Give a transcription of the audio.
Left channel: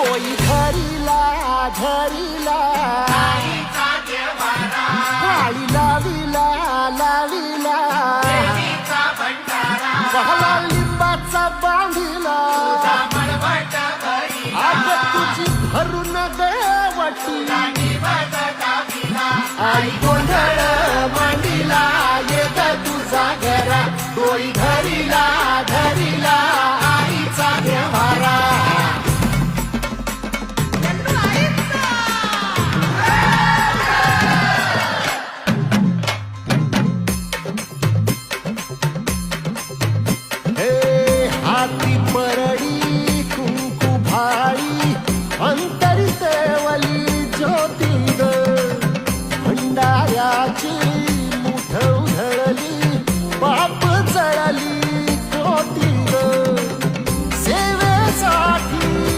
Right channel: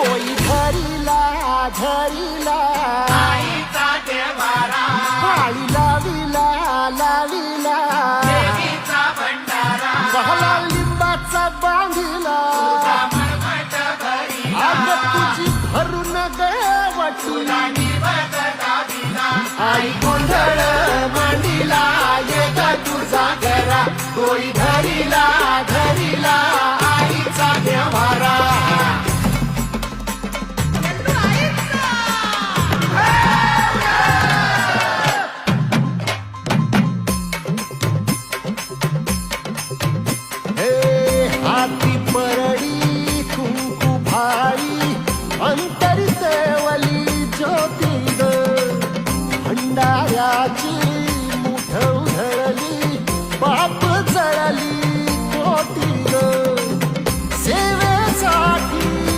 डोई धरिला धरिला पाळी लाविला लाविला पहला लिंबाचा बांधिला आग तुझी भरून गवटी आई गोंधळ मांडीला ये ग तुझा घरा डोई धरिला धरिला आईचा व्यवहारा हाती परडी कुंकू भाई अंतरी सेवली ज्योती ग भंडाऱ्याची मुठ उधळली पाप जळली कोटी ग सेवेसाठी